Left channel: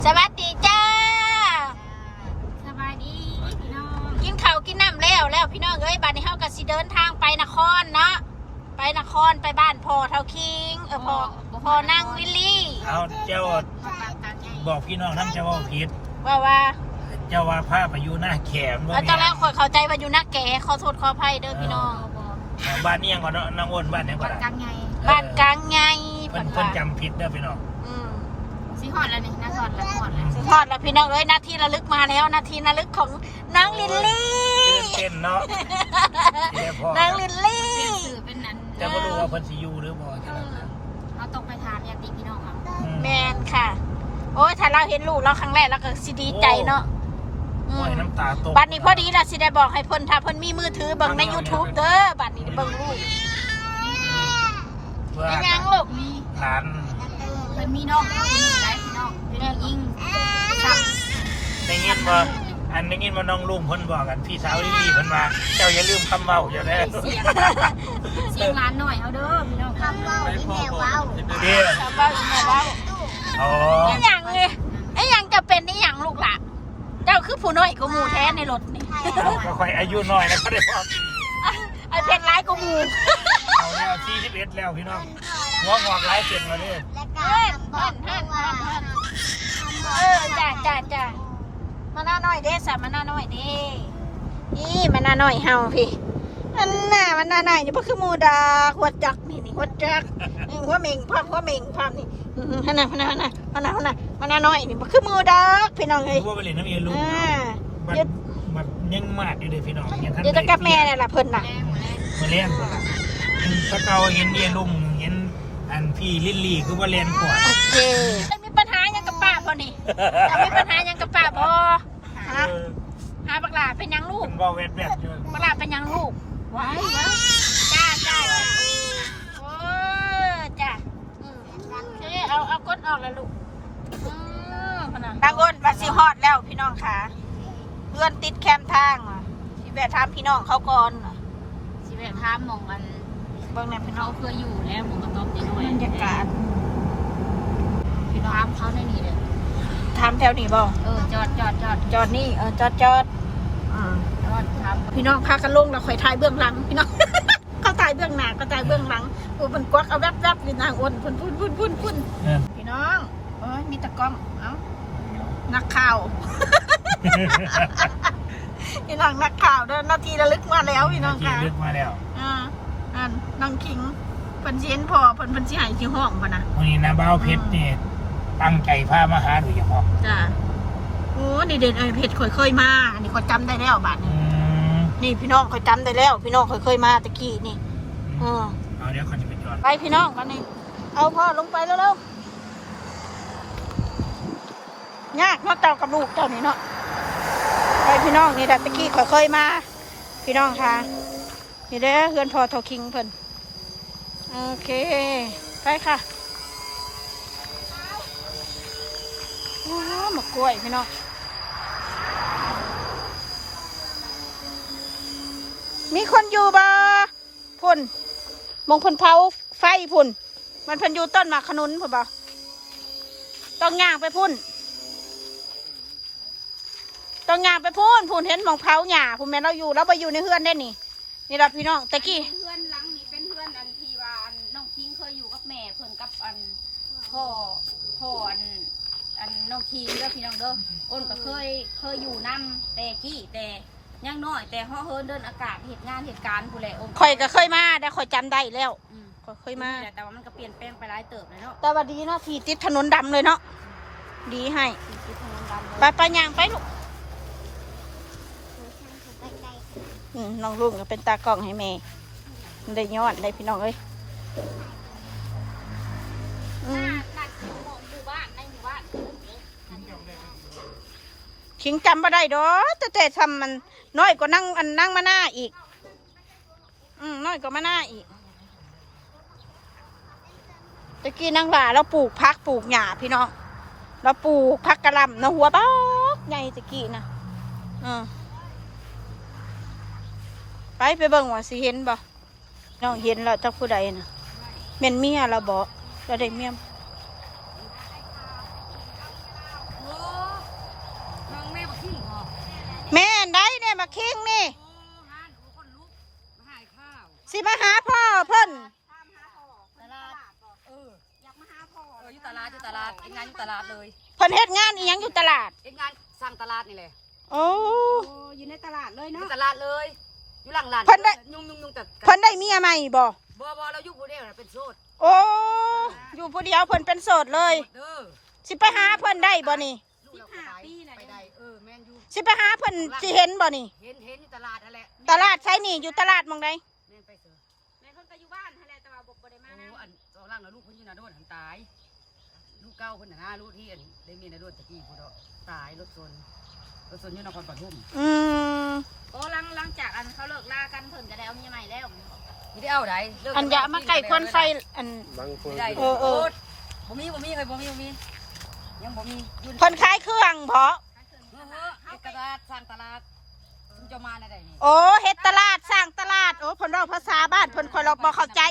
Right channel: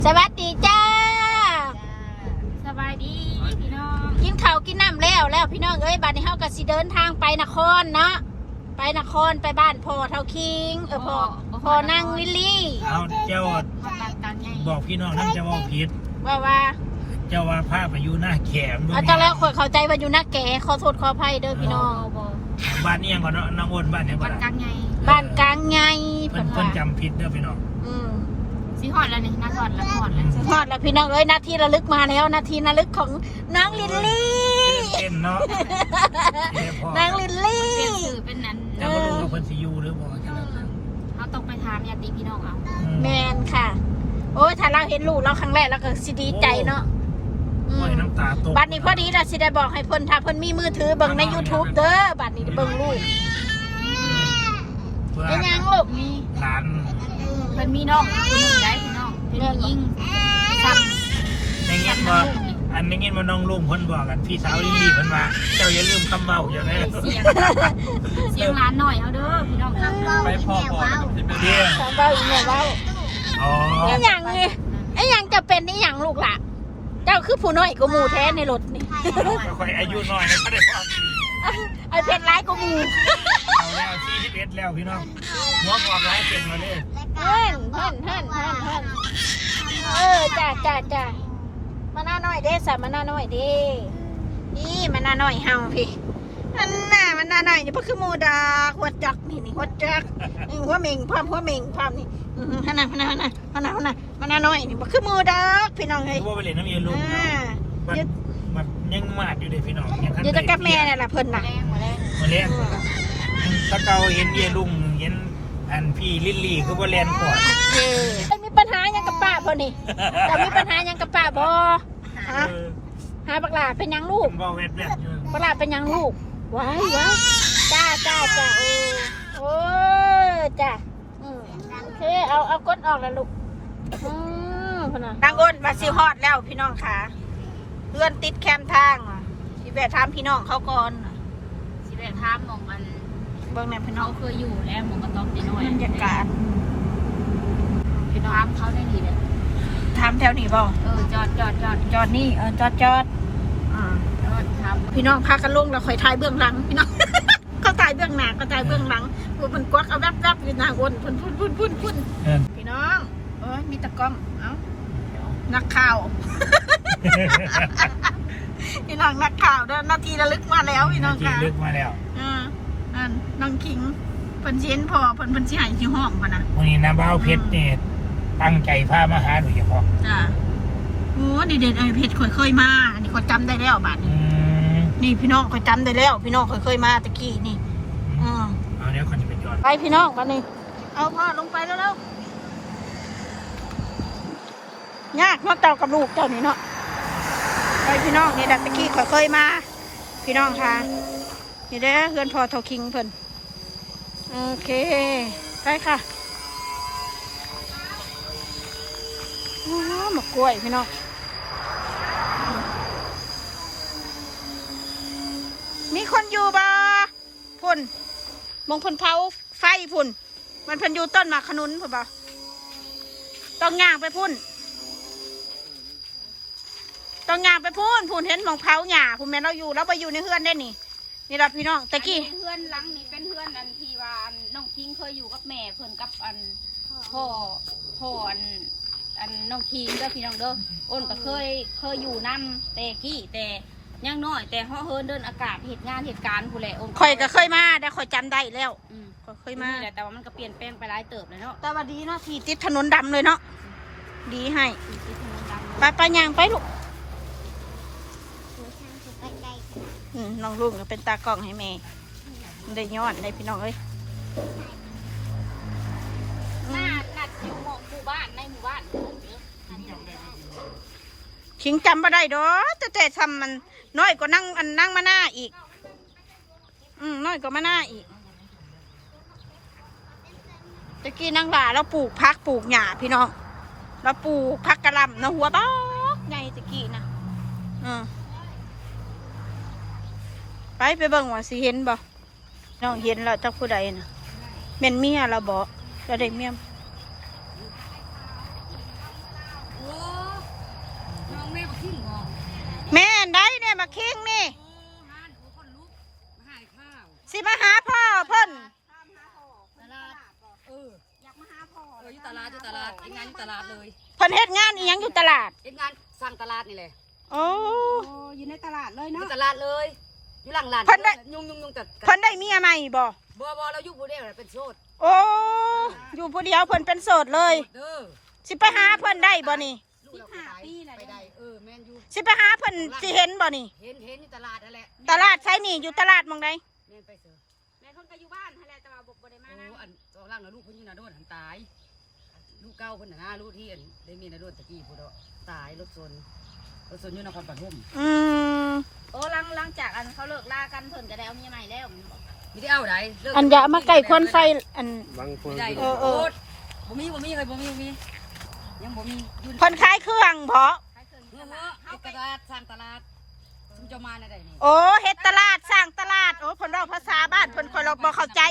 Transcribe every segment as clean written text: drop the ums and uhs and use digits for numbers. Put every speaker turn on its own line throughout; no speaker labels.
สวัสดีจ้า
สบายดีพี่น้อง
กินข้าวกินน้ำแล้วพี่น้องเอ้ยบัดนี้เฮาก็สิเดินทางไปนครเนาะไปนครไปบ้านพ่อเท่าคิงพ่อนางลิลลี่
เอาเจ้าบอกพี่น้องท่านจะว่าผิด
ว่า
เจ้าว่าผ้าไปอยู่หน้าแขม
เอาจังแล้วเข้าใจว่าอยู่หน้าแก่ขอโทษขออภัยเด้อพี่น้อง
บ้านนี้ยังมาน้องอ้นบ้านเนี่ย
บ้านกลางไง
บ้านกลางไง
เพิ่นจำผิดเด้อพี่น้อง
สีหอดแล้วนี่นาทอดแล้วทอดแล้ว
ทอดแล้วพี่น้องเอ้ยนาทีระลึกมาแล้วนาทีระลึกของน้องลิลลี่
เต็มเนาะ
น้องลิลลี่
เป็นสื่อเป็นนั้น
จะไม่รู้ว่าเพิ่นสิอยู่หรือบ่
เราต้องไปทานญาติพี่น้องเอา
แมนค่ะโอ้ยถ้าเราเห็นลูกเราครั้งแรกเราก็สิดีใจเนาะ
น้ำตาตก
บัดนี้พอดีเราสิได้บอกให้เพิ่นถ้าเพิ่นมีมือถือเบิ่งใน YouTube เด้อบัดนี้เบิ่งลูกเป็นยังลูก
มี
หลาน
เป็นมีน้องคนหนึ่งได้พี่น้องเป็นยิ่งซ้
ำได้ยินบ่อันได้ยินว่าน้องลุงเพิ่นบอกกันพี่สาวลิลลี่เพิ่นว่าเจ้าอย่าลืมคำเว้าอย่าได้
เสียงร้านหน่อยเอาเด้อพี่น้องครับ
ไปพ่อสิไปเด้อ
คำเว้าอีแม่เว้า
อ๋อ
ไอ้หยังไงไอ้หยังจะเป็นไอ้หยังลูกล่ะเจ้าคือผู้น้อยกว่าหมู่แท้ในรถนี่
ค่อยอายุน้อยแล้วก็ได้พอ
ไอ้เพชรร้ายกว่าหมู่
เอาแล้ว41แล้วพี่น้องหมอบอกหลายเป็นแล้วนี่
ฮั่นจ้ามาหน้าน้อยเด้สามาหน้าน้อยเด้นี่มาหน้าน้อยเฮาพี่อันน่ะมันหน้าน้อยนี่บ่คือหมู่ดาหัวจักนี่หัวจักหัวเม่งพร้อมนี่ฮั่นน่ะมาหน้าน้อยนี่บ่คือหมู่ดาพี่น้องเอ้ย
ว่าไปเล่นน้ำเย็นลูกมันยังมากเลยพี่น้อง
เดี๋ยวจะกับแม่นี่ล่ะเพิ่นน่ะ
มาเล่นถ้าเก่าเห็นเย็นลุงเห็นอันพี่ลิลลี่คือว่าเล่นก่อน
โอเคมีปัญหายังกับป้าบ่นี่จะมีปัญหายังกับป้าบ่ฮะหาบักหลาเป็นยังลูก
บั
กหลาเป็นยังลูกว้ายจ้าโอ้จ้าโอเคเอาก้นออกแล้วลูกพนะทางก้นมาซิฮอดแล้วพี่น้องค่ะเลื่อนติดแคมทางพี่แบะถามพี่น้องเขาก่อน
สิแม่พามองมัน
เบิ่งแม่พี่น้อง
เคยอยู่แล้วมองกระต๊อบนี่ด้วย
บรรยากาศ
พี่น้องเขาได้ดีเลย
ถามแถวนี้บ่จอดนี่จอดถามพี่น้องพากันลงแล้วค่อยถ่ายเบื้องหลังพี่น้องเขาถ่ายเบื้องหน้าก็ถ่ายเบื้องหลังมันกวักเอาแวบๆอยู่นางอ้นพุ่นพี่น้องมีตะกล้องนักข่าวพี่น้องนักข่าวเด้อนาทีระลึกมาแล้วพี่น้องค่ะ
ระลึกมาแล้ว
นางขิงเพิ่นสิเห็นพ่อเพิ่นสิให้ที่ห้องป่ะนะ
นี่นะบ้าวเพชรเนี่ยตั้งใจพามาหาโดยเฉพาะ
จ้าโอ้นี่เด็ดเพชรเคยมาอันนี้เขาจำได้แล้วบาดนี้นี่พี่น้องเขาจำได้แล้วพี่น้องเคยมาตะกี้นี่
เดี๋ยวเขาจะไปจอด
ไปพี่น้องบัดนี้เอาพ่อลงไปแล้วยากเนาะเจ้ากับลูกเจ้านี่เนาะไปพี่น้องนี่ตะกี้เคยมาพี่น้องค่ะนี่เด้อเพื่อนพ่อเท่าคิงเพิ่นโอเคไปค่ะมะกล้วยพี่น้องมีคนอยู่บ่พุ่นมองพุ่นเผาไฟพุ่นมันเพิ่นอยู่ต้นหมากขนุนพุ่นบ่ต้องย่างไปพุ่นพุ่นเห็นมองเผาหญ้าพุ่นแม่เราอยู่แล้วไปอยู่ในเฮือนได้นี่ล่ะพี่น้องตะกี้
เพื่อนหลังนี่เป็นเพื่อนอันที่ว่าน้องคิงเคยอยู่กับแม่เพื่อนกับอันพ่ออันน้องคิงเด้อพี่น้องเด้ออ้นก็เคยอยู่น้ำแต่กี้แต่ยังน้อยแต่ห่อเฮินเดินอากาศเหตุการณ์ผู้แหละอ้น
ข่อยก็เคยมาได้ข่อยจำได้แล้วเคยมา
แต่ว่ามันก็เปลี่ยนแปลงไปหลายเติบเลยเนาะ
แต่ว่าดีเนาะที่ติดถนนดำเลยเนาะดีให้ไปย่างไปลูกน้องลุงก็เป็นตากล้องให้แม่ได้ยอดได้พี่น้องเอ้ย
นัดอยู่หมู่บ้านในหมู่บ้าน
ขิงจำมาได้ดอกแต่ทำมันน้อยกว่านั่งมาหน้าอีกน้อยกว่ามาหน้าอีกตะกี้นั่งหล่าเราปลูกพักปลูกหญ้าพี่น้องเราปลูกพักกระลำนะหัวบ้าใหญ่ตะกี้นะไปเบิ่งว่าสิเห็นบ่น้องเห็นแล้วเจ้าผู้ใดน่ะเมียเราบอกก็ได้เมีย
ขี้งอ
แม่นได้เนี่ยมาคิงนี่
โอ้ฮานโอ้คนลุกมาหายข้าว
สิมาหาพ่อเพิ่น
ตามหาพ่อตลาดอยากมาหาพ่อ
อยู่ตลาดเอ็งงานอยู่ตลาดเลย
เพิ่นเฮ็ดงานอีหยังอยู่ตลาด
เอ็งงานสร้างตลาดนี่แหละ
โอ้
โอ้อยู่ในตลาดเลย
อยู่
เนาะ
ตลาดเลยอยู่หลังร้าน
เพิ่นได้
ยุ่งแต่
เพิ่นได้เมียใหม่บ่
บ่เราอยู่ผู้เดียวเป็นโสด
โอ้อยู่ผู้เดียวเพิ่นเป็นโสดเลย
เด้อ
สิไปหาเพิ่นได้บ่นี่
ลูกเราไปได้แม่นอยู่
สิไปหาเพิ่นสิเห็นบ่นี่
เห็นอยู่ตลาดนั่นแหละ
ตลาดใช่นี่อยู่ตลาดหมองใด
แม่นไปเสือ
แม่เพิ่นก็อยู่บ้านหั่นแหละแต่ว่าบ่ได้มา
โอ้
นะ
อันตอนล่างนะลูกเพิ่นอยู่นาโดนหันตายลูกเก้าเพิ่นน่ะนะลูกที่อันได้มีนาโดนตะกี้พุ่นเนาะตายรถชนอยู่นครปฐม
อืม
โอ้หลังจากอันเขาเลิกลากันเพิ่นก็ได้เอาเมียใหม่แล้ว
ไม่ได้เอาใด
อันอย่ามาใกล้ควันไฟอัน
ไม่ได้
เออ
บ่มีเลยบ่มียังบ่มี
เพิ่นขายเครื่องเพาะ
ใครเคยมี
เอ
ต
อ
ลาด
เฮ็ดตลาดสร้างตลาดซุมเจ้ามาได้นี่
โอ้เฮ็ดตลาดสร้างตลาดโอ้เพิ่นเว้าภาษาบ้านเพิ่นค่อยเราบ่เข้าใจ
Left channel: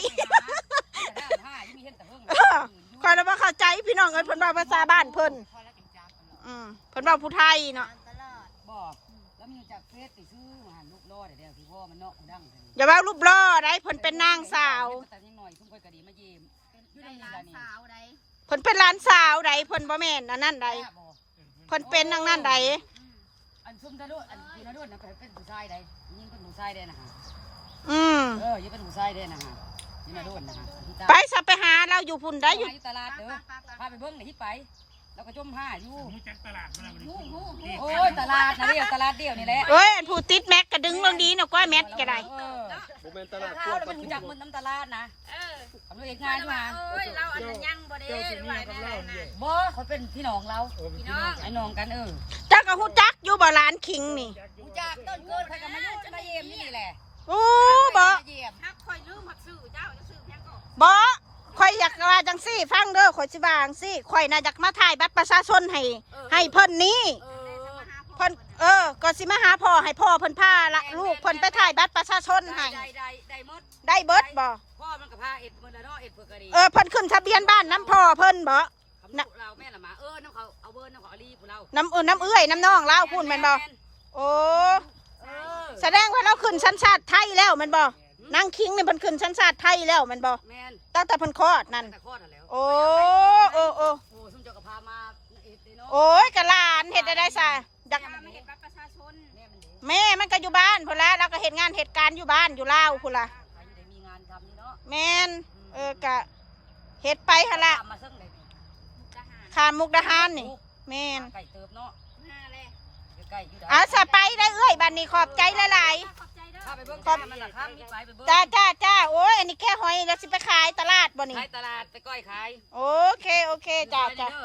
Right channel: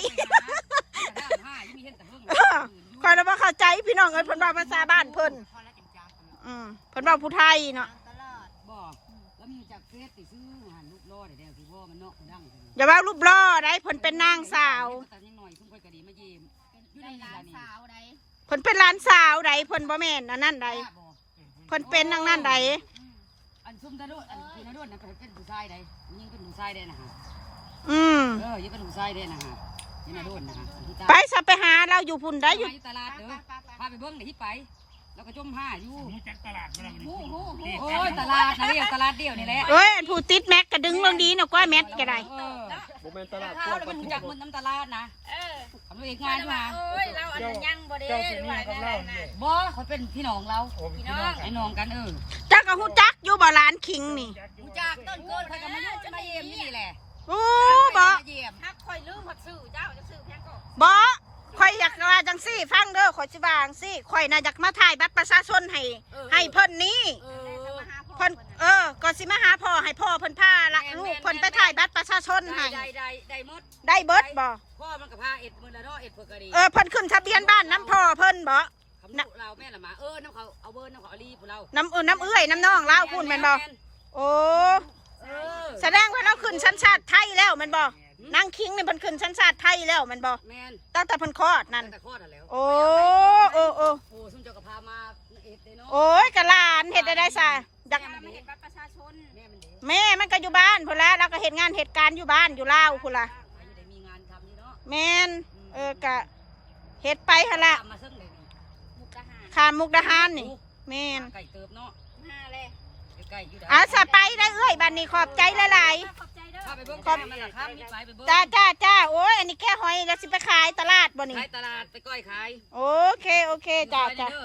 ค่อยเราบ่เข้าใจพี่น้องเอ้ยเพิ่นเว้าภาษาบ้านเพิ่นเพิ่นเว้าผู้ไทยเนาะ
ตลาด
บอกแล้วมีจากเฟซไปซื้อหันลูกล่อเดี๋ยวที่พ่อมันเนาะดัง
อย่าว่ารูปล่อได้เพิ่นเป็นนางสาว
แต่นิดหน่อยทุ่งค่อยกระดีมาเยี่ยม
เป็นได้หลานสาวใด
เพิ่นเป็นหลานสาวใดเพิ่นบ่แม่นอันนั้นใดเพิ่นเป็นนางนั้นใด
อันซุ่มตะโดดอันพี่นาโดดนะเป็นผู้ชายใดยิ่งเป็นผู้ชายได้นะฮะ
อืม
ยิ่งเป็นผู้ชายได้นะฮะพี่นาโดดนะฮะ
ไปซะไปหาเราอยู่พุ่นได้อยู่
ตลาดเด้อพาไปเบิ้งไหนที่ไปแล้วก็จมผ้าอยู่
รู้จักตลาดบ่ล่ะ
โอ้ยตลาดเดียวนี่แหละ
เอ้ยอันผู้ติดแม็กก็ดึงลงดีเนาะกว่าแม็กก็ได้
ข้าวแล้วเป็นหูจักมันน้ำตลาดนะ
เออ
ทำเองงานมา
โอ้ยเราอันนั้นยังบ่ได้หรือว่าอะไรนะ
บ่เขาเป็นพี่น้องเรา
พี่น้อง
ไอ้น้องกันเออ
จักก็ฮู้จักอยู่บ่หลานคิงนี่
หูจักต้นเกินใครก็มายุ่งมาเยี่ยมนี่แหละ
โอ้บ่
มาเยี่ยม
ฮักคอยลืมหักซื้อเจ้าจะซื้อเพียงก็
บ่ข่อยอยากว่าจังซี่ฟังเด้อข่อยสิว่าจังซี่ข่อยน่ะอยากมาถ่ายบัตรประชาชนให้เพิ่นนี้เพิ่นก็สิมาหาพ่อให้พ่อเพิ่นพาละลูกเพิ่นไปถ่ายบัตรประชาชนให้
ได้หมด
ได้เบิดบ่
พ่อมันกับพาเอ็ดมือละเนาะเอ็ดเพื่อกะดี
เพิ่นขึ้นทะเบียนบ้านน้ำพ่อเพิ่นบ่
คำเราแม่ละมาน้ำเขาเอาเบอร์น้ำเขาเอาลีผู้เรา
น้ำน้ำเอื้อยน้ำน้องลาวพูนแม่นบ่โอ้แสดงว่าเราขึ้นสัญชาติไทยแล้วแม่นบ่นางคิงนี่เพิ่นขึ้นสัญชาติไทยแล้วแม่นบ่
แมน
ตั้งแต่เพิ่นคลอดนั่น
แต่ข้อนั่นแล้ว
โอ้
โอ้ซุ่มเจ้ากับพามาเอ็ดเนาะ
โอ้ยกะหลานเฮ็ดได้ซะอยาก
ไม่ได้บัตรประชาชน
แม่มันเด็ก
แม่มันก็อยู่บ้านพุ่นละแล้วก็เฮ็ดงานเหตุการณ์อยู่บ้านอยู่ลาวพุ่นละ
ใครอยู่ได้มีงานทำนี่เนาะ
แม่นกะเฮ็ดไปหั่นละ
ทำมาซึ่งเลยนี่
มุกดาหาร
ข้ามมุกดาหารนี่แม่น
ไก่เติบเนาะ
ห้าเลย
ไก่อยู่ได้
อาสะไปได้เอ้ยบัดนี้ขอบใจหลาย
ขอบใจเด้อ
ข้าไปเบิ้งข้ามันละข้ามมีไปเบิ้ง
ๆจ้าโอ้ยอันนี้แค่หอยแล้วสิไปขายตลาดบ่นี่
ขายตลาดไปก้อยขาย
โอเคจ้า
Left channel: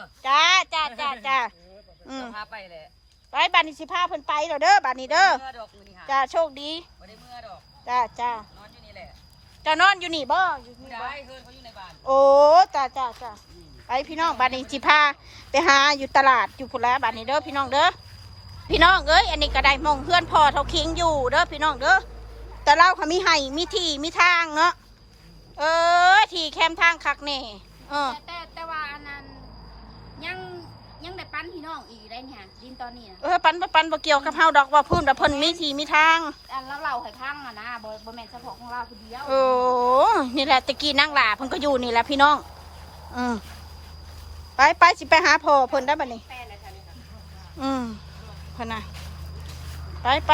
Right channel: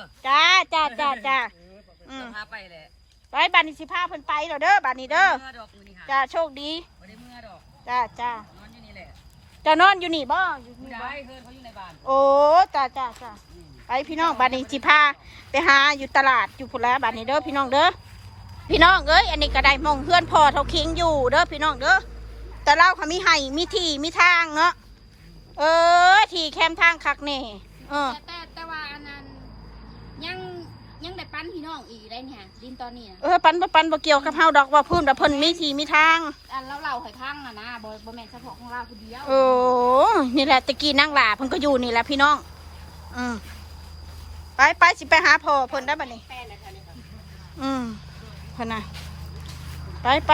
พาไปเลย
ไปบัดนี้สิพาเพิ่นไปแล้วเด้อบัดนี้เด้อ
เมื่อดอกมือนี่ค่ะ
จ้าโชคดี
ไม่ได้เมื่อดอก
จ้าน
อนอยู่นี่แหละ
จะนอนอยู่นี่บ่อยู่นี่
ได้
บ่
เฮือนเขาอยู่ในบ้าน
โอ้จ้าไปพี่น้องบัดนี้สิพาไปหาอยู่ตลาดอยู่พุ่นละบัดนี้เด้อพี่น้องเด้อพี่น้องเอ้ยอันนี้ก็ได้มองเพื่อนพ่อเท่าคิงอยู่เด้อพี่น้องเด้อแต่เราเขามีให้มีที่มีทางเนาะที่แคมทางคักแน่
แต่ว่าอันนั้นยังได้ปั้นพี่น้องอีกได้เนี่ยดินตอนนี้นะ
ปันบ่เกี่ยวกับเฮาดอกว่าพื้นแต่เพิ่นมีที่มีทาง
อันเราหอยข้างนะบ่แม่นเฉพาะของเราคนเดียว
โอ้นี่แหละตะกี้นั่งหลาเพิ่นก็อยู่นี่แหละพี่น้องไปสิไปหาพ่อเพิ่นได้บัดนี้
แป้เลยค่ะนี่ค่ะ
เพิ่นน่ะไป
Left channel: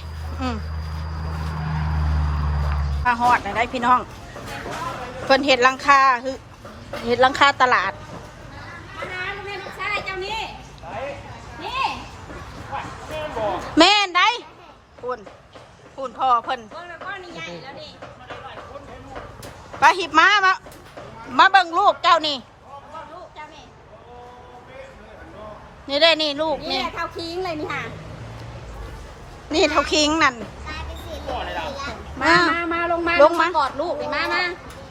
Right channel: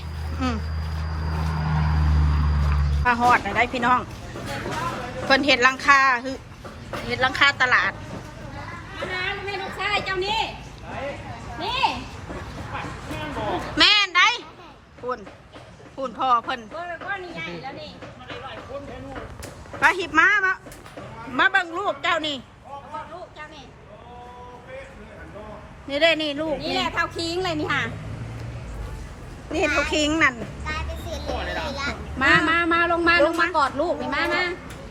มาฮอดได้พี่น้องเพิ่นเฮ็ดหลังคาคือเฮ็ดหลังคาตลาด
มาหาลูกแม่ลูกชายเจ้านี่นี่
แม่นได้พูนพ่อเพิ่น
โอ้ยก้อนนี่ใหญ่แล้วนี่
ไปหิบมาเบิ่งลูกเจ้านี่
ลูกเจ้านี่
นี่ได้นี่ลูก
นี่
นี่
เท่าคิงเลยนี่ค่ะ
นี่เท่าคิงนั่น
มาลงมากอดลูกนี่มานะ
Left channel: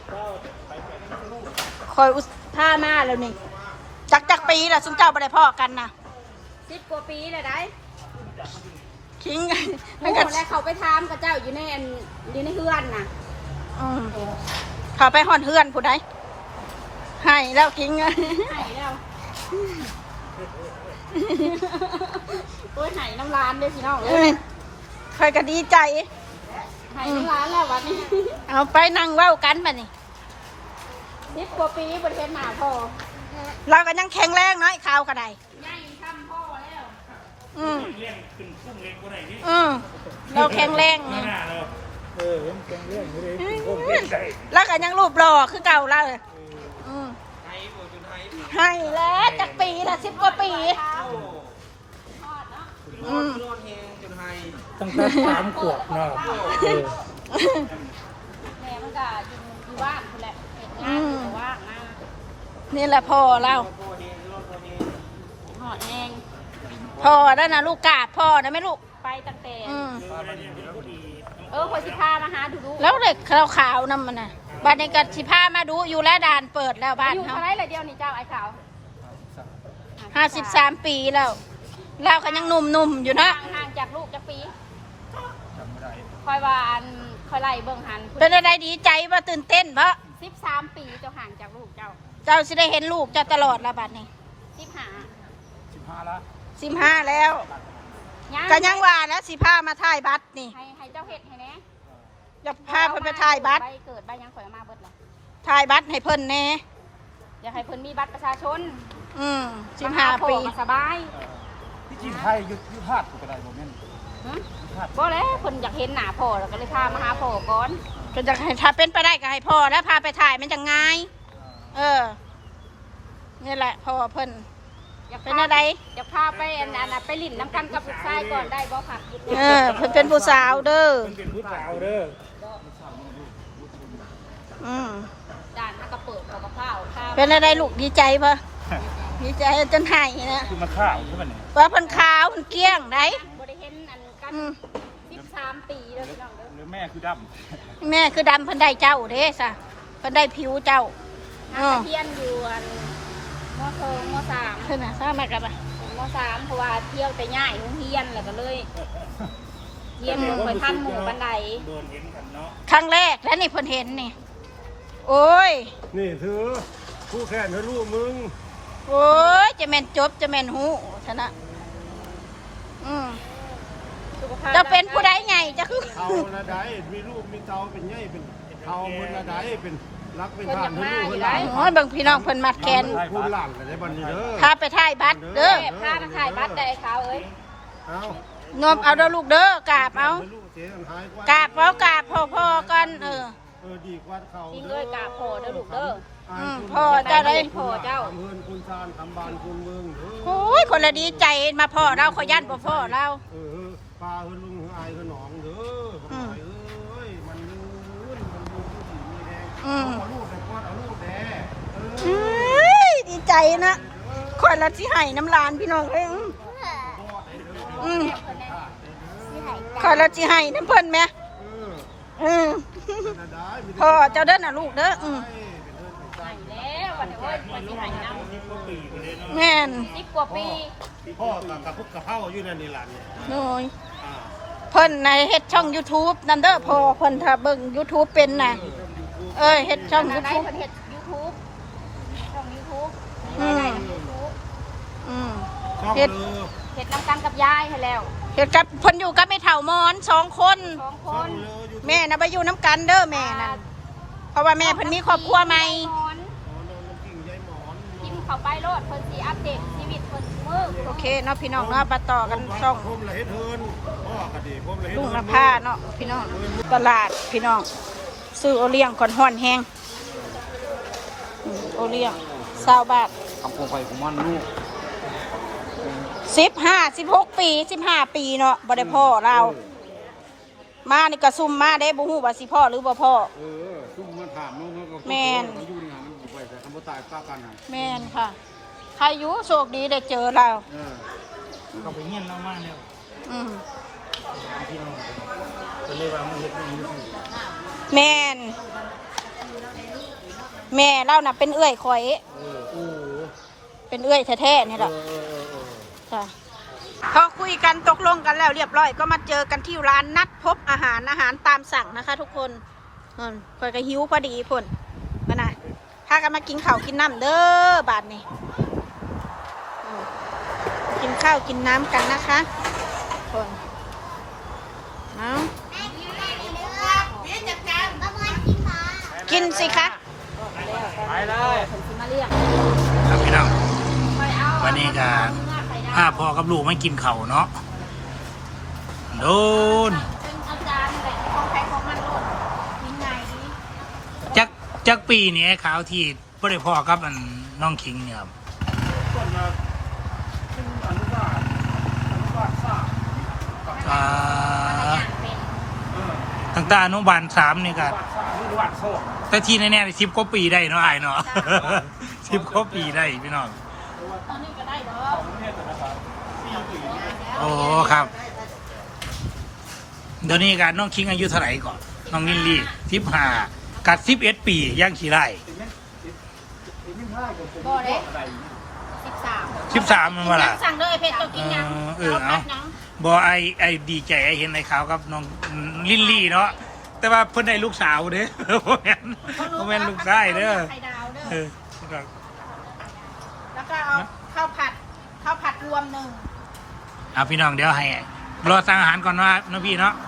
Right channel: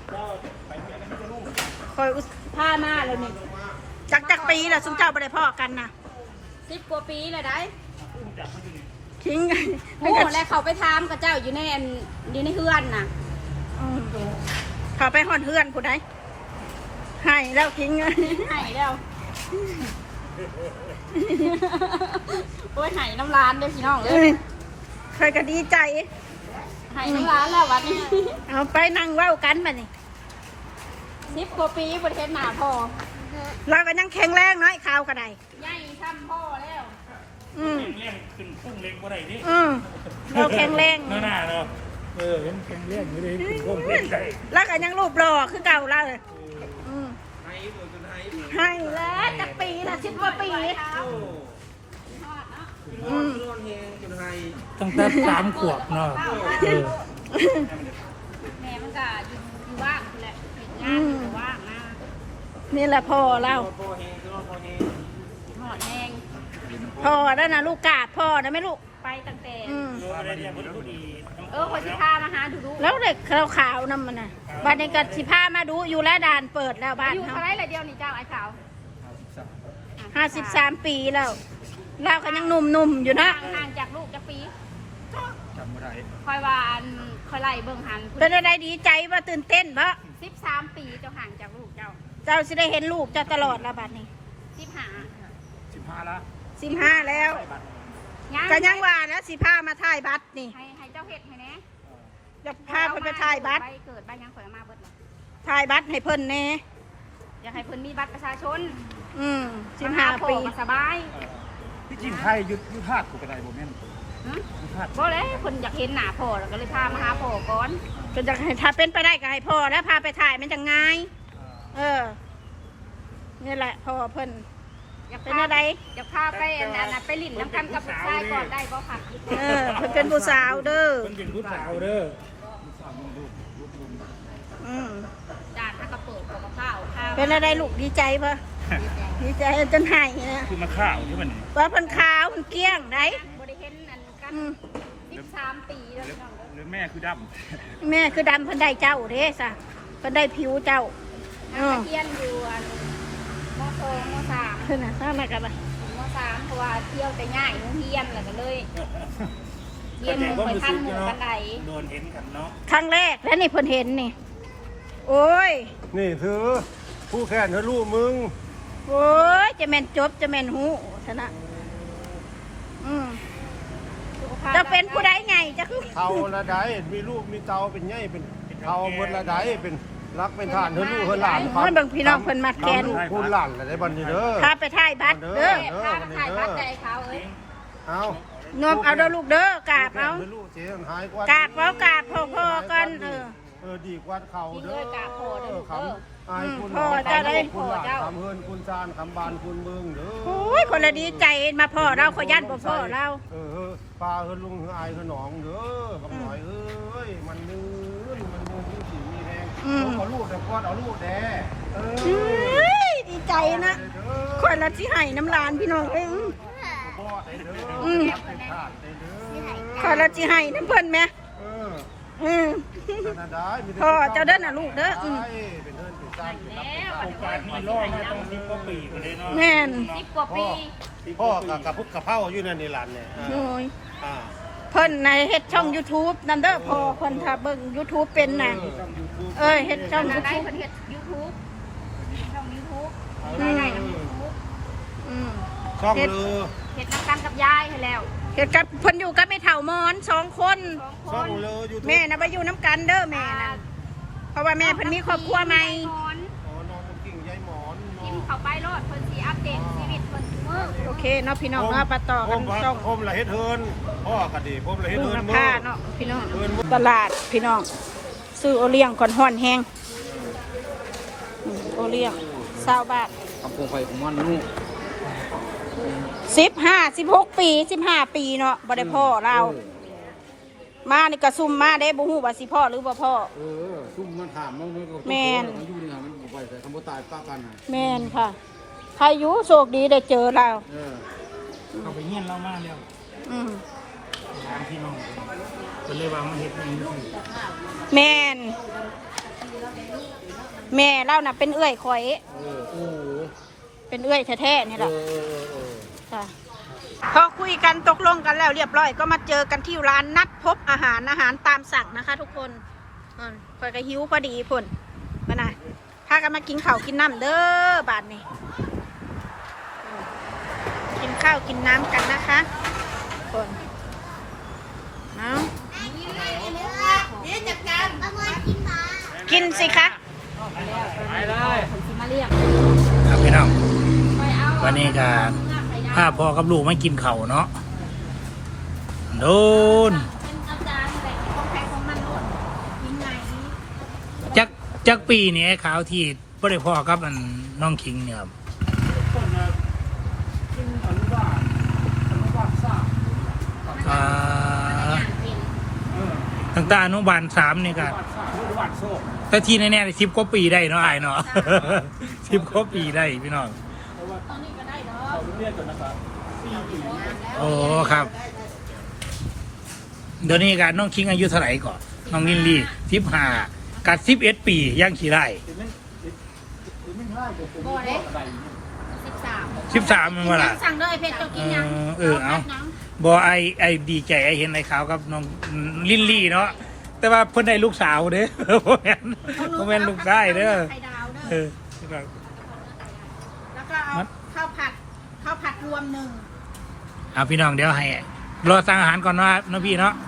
คอยอุท่ามาแล้วนี่จักปีละซุมเจ้าบ่ได้พ่อกันนะ
10 กว่าปีเลยได้
คิง
โอ้แล้วเขาไปทำกับเจ้าอยู่ในเฮือนน่ะ
เขาไปห่อนเฮือนผู้ใดให้แล้วคิง
ให้แล้วโอ้ยหายน้ำร้านเด้อพี่น้องเล
เอ้
ย
ยคอยก็ดีใจ
หายน้ำร้านแล้ววันนี้
เอาไปนั่งเว้ากันบัดนี้
10 กว่าปีบนเทนหนาพ่อ
เราก็ยังแข็งแรงเนาะไอ้ข่าวก็ได้
ใหญ่ทำพ่อแล้ว
อืม
เลี้ยงขึ้นพุ่งเลี้ยงบ่ได้นี่
เราแข็งแรง
หน้าเนาะเห็นเลี้ยงไม่ได้ขึ้นพุ่งเลี้ยงไก่
แล้วก็ยังรูปหล่อคือเก่าเราให้แล้วจากปีละ10 กว่าปีอืม
ตั้งแต่3 ขวบเนาะ
แม่มันก็อยู่ว่างคือแหละเห็นงานอยู่ว่างนะ
นี่แหละพ่อเรา
หอดแห้ง
พ่อแล้วนะลูกกาดพ่อนะไม่ลูก
ไปตั้งแต่
ได้เลี้ยงผู้ดี
ไปสิพามาหาดู
แล้วเด็กขาวๆนั่นมันน่ะบ้านนี้ก็สิพามาดูอยู่แล้วด่านเปิดแล้วบ้าน
อยู่
เขา
ท้ายละเดียวนี่เจ้าไอ้ขาว
53 ปีแล้วเราก็ยังหนุ่มๆอยู่นะ
ห่างจากลูกจากปี
จำไม่ได้
คอยว่าคอยไล่เบิ่งหัน
เป็นอะไรดีใจว่าตื่นเต้นเพราะ
13 ปีเจ้าห่างจากลูกเจ้า
เจ้าสิได้เห็นลูกเจ้าตลอดละบัดนี้
15
15ละ
15แล้วก็ยังว่าแล้วสิพามาถ่ายบัตรนี่
ให้เจ้าเฮ็ดให้แน่
จะพาเพิ่นไปถ่ายบัตร
ใบเกิดใบยังข่อยมาเบิดละ
ถ่ายบัตรให้เพิ่นแน่
อยากให้เพิ่นมีบัตรประชาชน
15 ปี
สบาย
ที่จริงไทยยุดธาตุก็ได้บ่แม่นยุดธาตุ
ก็แล้วคนอยากเห็นหน้าพ่อแล้วก็เลยพามาหาพ่อก่อน
ก็จะให้ถ้าเป็นไปได้ก็ให้พ่อแล้วพาไปถ่ายมันจะง่ายนี่แหละพ่อเพิ่นเป็นอะไร
จะพาไปไปหลินน้ำกันกับลูกชายก่อนได้บ่ค่ะ
เพิ่นเป็นผู้สาวเด้อ
เป็นผู้สาวเด้อ
ด่านนักกระเปิดกับกระเพราข้าว
เป็นอะไรลูกดีใจปะดีใจจนหายนะ
คือมาข้าวคือมัน
ว่าเพิ่นขาวเพิ่นเกลี้ยงได้
บ่ได้เห็นอันกัน13 ปีแล้ว
หรือแม่คือด
แม่คือดำเพิ่นได้เจ้าเด้ซะเพิ่นได้ผิวเจ้า
เทียนอยู่อันม.3
เพิ่นน่ะทราบมากับ
ม
อ่ะ
.3 เพราะว่าเที่ยวแต่ง่ายเฮียนแล้วก็เลยเรียนไปทันหมู่บันได
โดนเห็นกันเนาะ
ครั้งแรกแล้วนี่เพิ่นเห็นนี่โอ้ย
นี่คือผู้แข่นทะลุมึง
โอ้ยจะแม่นจบจะแม่นหูชนะจะเป็นผู้ใดไงจะคือ
เท่าละใดมีลูกมีเตาเป็นไงเป็นเท่าหมดละใดเป็นรักเป็นทานทะลุเฮหลาน
โอ้ยบางพี่น้องเพิ่นมัดแขน
คุณหลานอะไรบันนี้เด้อ
พาไปถ่ายบัตรเด้อ
พาไปถ่ายบัตรได้เขาเอ้ย
เอา
นมเอาเด้อลูกเด้อกราบเอา
ทะลุเจ๊หายกว่าก
ราบเอากราบพ่อๆกัน
ดีกว่าเขาเด้อคำอายคุณ
พ่อจะได้
คุณหลานคำเฮินคุณซานคำบานคุณเมืองเด้อ
โอ้ยคนละดีใจมาพ่อเราขอยันบ่พ่อเรา
ปลาเฮินลุงเฮินอายเฮินหนองเด้อบางหน่อยเอ้ยมันลื่นที่สีมีแดงเอาลูกแต่กวาดเอาลูกแด่
ดีใจนะคนละสิให้น้ำลานพี่น้องเองคนละสิให้น้ำเพิ่นไหมพ่อเจ้าเด้อน่ะลูกเด้อ
การที่ล่อมาต้อง10 กว่าปีกันเลยเนาะ
แม่น
10 กว่าปี
พ่อกับพุกกับเผาอยู่นั่นนี่หลานเนี่ย
โอ้ยเพิ่นในเฮ็ดช่อง YouTube นำเด้อพ่อเพิ่นถ้าเบิ่ง YouTube เป็นน่ะเฮ็ดช่อง
ได้
YouTube
เพิ่นเฮ็ด YouTube ช่อง YouTube
ช่องลือ
เฮ็ดน้ำกันกับยายให้แล้ว
เฮ็ดกับเพิ่นอยู่กับแม่เฒ่ามอน2 คน
ช่องลืออยู่
แม่น่ะไปอยู่น้ำกันเด้อแม่นั่นเพราะว่าแม่เพิ่นมีครอบครัวใหม่
นอนน้ำกิ่งยายหมอน
พิมพ์เข้าไปโลดเพิ่นสิอัปเดตชีวิตเพิ่นมื้อ
โอเคเนาะพี่น้องเนาะมาต่อกันช่อง
ผมละเฮ็ดเฮินพ่อก็ดีผมละเฮ็ด
ลุง
เฮิน
นภาเนาะพี่น้องตลาดพี่น้องซื้อโอเลี้ยงก่อนห่อนแห้งโอเลี้ยง20 บาท
คำคงไปของมันนู่
16 ปี15 ปีเนาะบ่ได้พ่อเรามานี่ก็ซุ่มมาได้บ่ฮู้ว่าสิพ่อหรือบ่พ่อ
ซุ่มมันถามน้องๆก็
แม่น
มันอยู่นี่ฮะมันไปแต่คำว่าตายป้ากันฮะ
แม่นค่ะใครอยู่โชคดีได้เจอเรา
เขาไปเงี้ยนเรามากแล้ว พี่น้องก็เลยว่ามันเห็ดอย่างนี้
แม่นแม่เราน่ะเป็นเอื้อยข่อยเป็นเอื้อยแท้ๆนี่แหละค่ะพอคุยกันตกลงกันแล้วเรียบร้อยก็มาเจอกันที่ร้านนัดพบอาหารตามสั่งนะคะ ทุกคนเปิดกระหิวพอดีพ่นมาน่ะพากันมากินข้าวกินน้ำเด้อบาดนี่กินข้าวกินน้ำกันนะคะคนเอากินสิคะ
ครับพี่น้องวันนี้ก็พาพ่อกับลูกไม่กินเข่าวเนาะโดน
เป็นอาจารย์แต่ของใครของมันโลดกินไง
จักปีนี้ข่าวที่บ่ได้พ่อกับอันน้องคิงเนี่ยครับ
ต้นมาเป็นอนุบาลสร้าง
ตั้งแต่อนุบาล3นี่ก็
อนุบาลสร้างหรืออนุบาลโซ่
แต่ที่แน่ๆ10 กว่าปีได้เนาะไอ้เนาะ 10 กว่าปีได้พี่น้อง
ตอนนี้ก็ได้เนาะ
เขาเรียกตัวนะครับ4 ปี
โอ้ครับเดี๋ยวนี้กันน้องคิงอายุเท่าไหร่ก่อนน้องนิลลี่15กัด11 ปีย่างขี่ไร่
ไม่ใช่ผม
บ่เด้
อะไร
13มันว่าล่ะ
สั่งเลยเพชรจะกินยัง
เอาบ่ไอดีใจไอเห็นในข่าวกับน้องลิลลี่เนาะแต่ว่าเพิ่นได้ลูกสาวเด้อ บ่แม่นลูกชายเด้อ
ไข่ดาวเด้
เอ
อ
อครับ
แล้วก็เอาข้าวผัดรวมหนึ่ง
เอาพี่น้องเดี๋ยวให้รอสั่งอาหารก่อนว่าน้องพี่เนาะ